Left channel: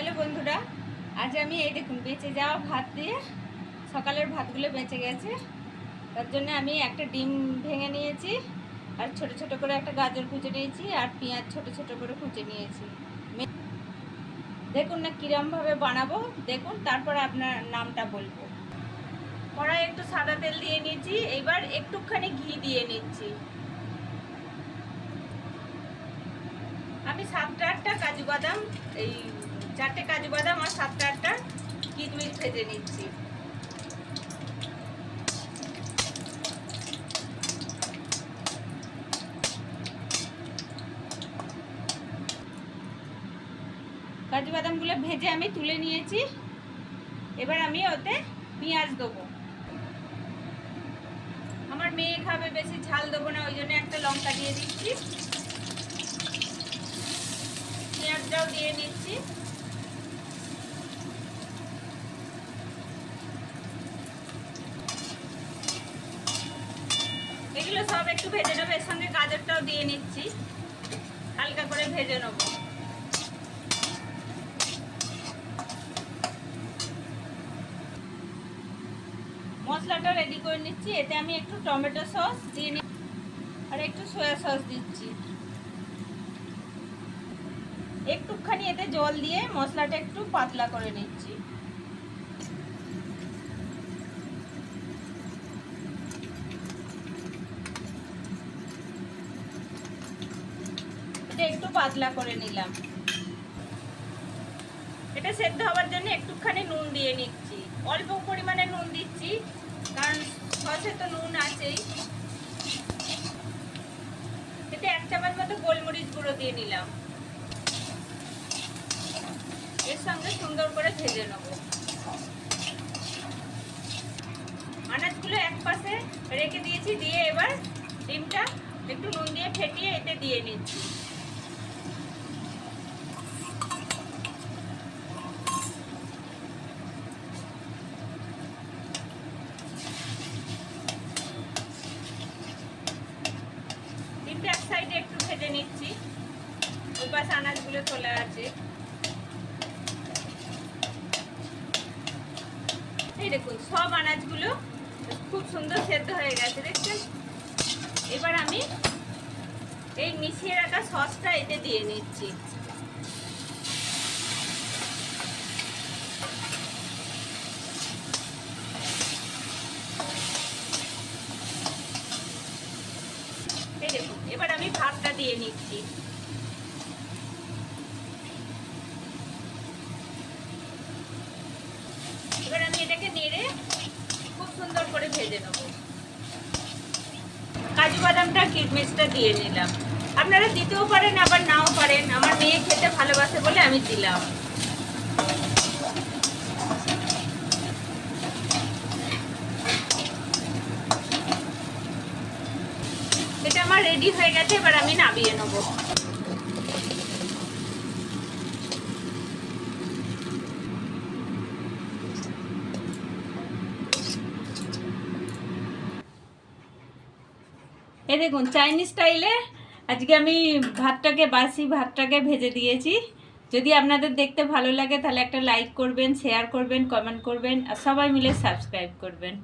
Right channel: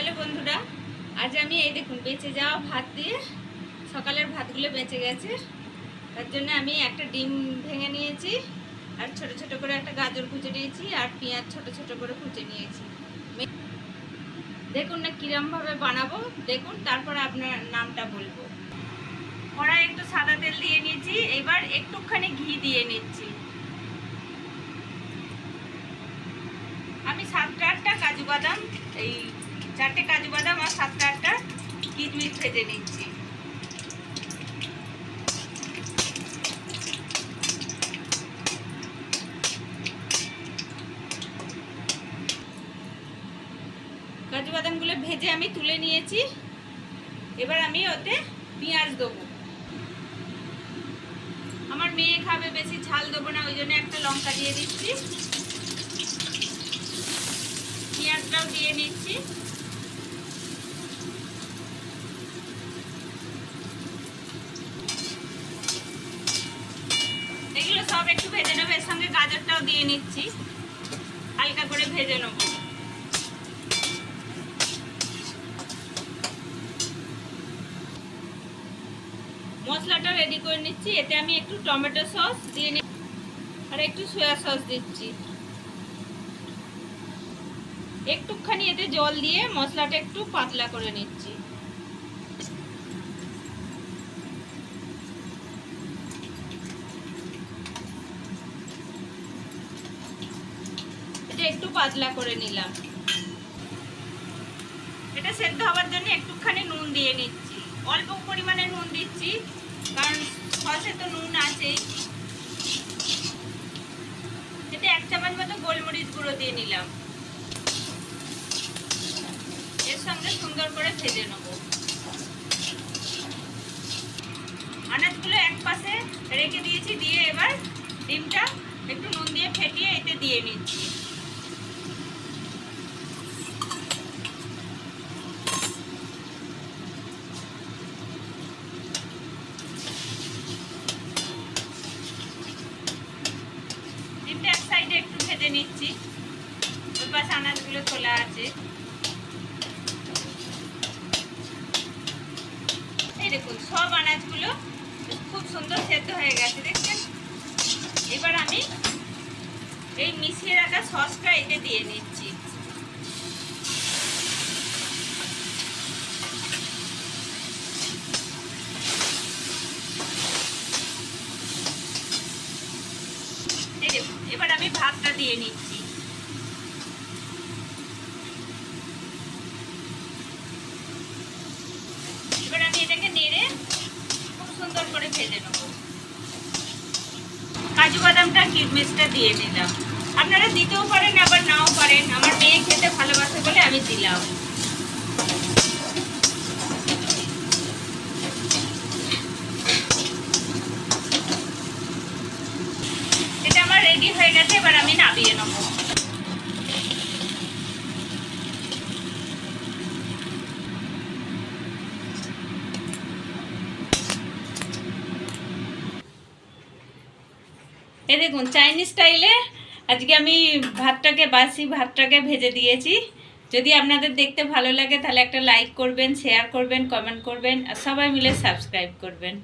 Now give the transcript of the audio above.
Hello বন্ধুরা, আজ আমি এই দেখুন, বেঁচে যাওয়া ভাত দিয়ে সকালের ভাতগুলো বেঁচে গেছে। তার জন্য আমি একটা ডিম ভেঙে নিয়েছি, আর ছোট ছোট করে একটা গাজর কুচে নিয়েছি, আর পেঁয়াজ ছোট ছোট করে কুচে নিয়েছি। দেখুন না কিরমভাবে বানাবো, দেখুন, তারপর আপনার নামটা বলব। কড়াই একটু সাদা তেল দিয়ে নিয়েছি, এবার একটুখানি ঘি দিয়ে নিচ্ছি। আমি সাতটা আটটা ভেজে নিচ্ছি। কাজু বাদামগুলো ভেজে আমি তুলে নিয়েছি। এবার আমি ওতে পেঁয়াজ দেবো। আমার মেয়ে খাবে বেশি, ঝাল দেবো না, ওই জন্য একটা লঙ্কা দিয়ে দিচ্ছি। পেঁয়াজটাও দিয়ে নিচ্ছি এগুলো একটু ভেজে নেব, এর সঙ্গে গাজরটাও দিয়ে নিচ্ছি। হালকা করে ভেজে নেব। মশলাটা রেডি করে নিচ্ছি, এতে আমি একটু টমেটো সস দিয়ে নি আর একটু সয়া সস দিচ্ছি। একটুখানি এতে জল দিয়ে মশলাটা একটু পাতলা করে নিচ্ছি এটা একটু পাতলা করে নিলাম। এটা সেদ্ধ হওয়ার জন্য একটুখানি নুন দিয়ে নিচ্ছি। অল্প পরিমাণে নুন দিচ্ছি, কারণ সসে তো নুন আছেই। এতে এক চামচ মতো গোলমরিচ গুঁড়ো দিয়ে নিলাম। এর সঙ্গে সুন্দর করে ভেজে নেব। আনাজগুলো এক পাশে রেখে দিয়েছি, দিয়ে এবার ডিমটা একটু নুন দিয়ে ফেটিয়ে এতে দিয়ে নিচ্ছি ডিমটা এক সাইডে একটু ভেজে নিচ্ছি। ওই পাশে আনাজগুলো তোলা আছে। এই দেখুন, সব আনাজগুলো খুব সুন্দর সেদ্ধ হয়ে গেছে, দেখছেন? এবার আমি এই মিশিয়ে রাখা সসটা এতে দিয়ে নিচ্ছি। এবার আমি ভাতটা দিয়ে নিচ্ছি। এবার আমি এটাকে নেড়ে খুব সুন্দর করে ভেজে নেব। কাজু বাদামটা কিশমিশটা দিয়ে নিলাম। আপনারা দিতেও পারেন, আবার নাও পারেন। আমার মেয়ে খেতে ভালোবাসে বলে আমি দিলাম এটা আমার রেডি হয়ে গেছে, এবার আমি নামিয়ে নেব। এ দেখুন চাইনিজ স্টাইলে আজকে আমি ভাতটাকে, বাসি ভাতটাকে ভেজে দিয়েছি। যদি আপনাদের দেখতে ভালো লাগে, তাহলে একটা লাইক করবেন শেয়ার করবেন কমেন্ট করবেন, আর সবাই মিলে সাবস্ক্রাইব করবেন।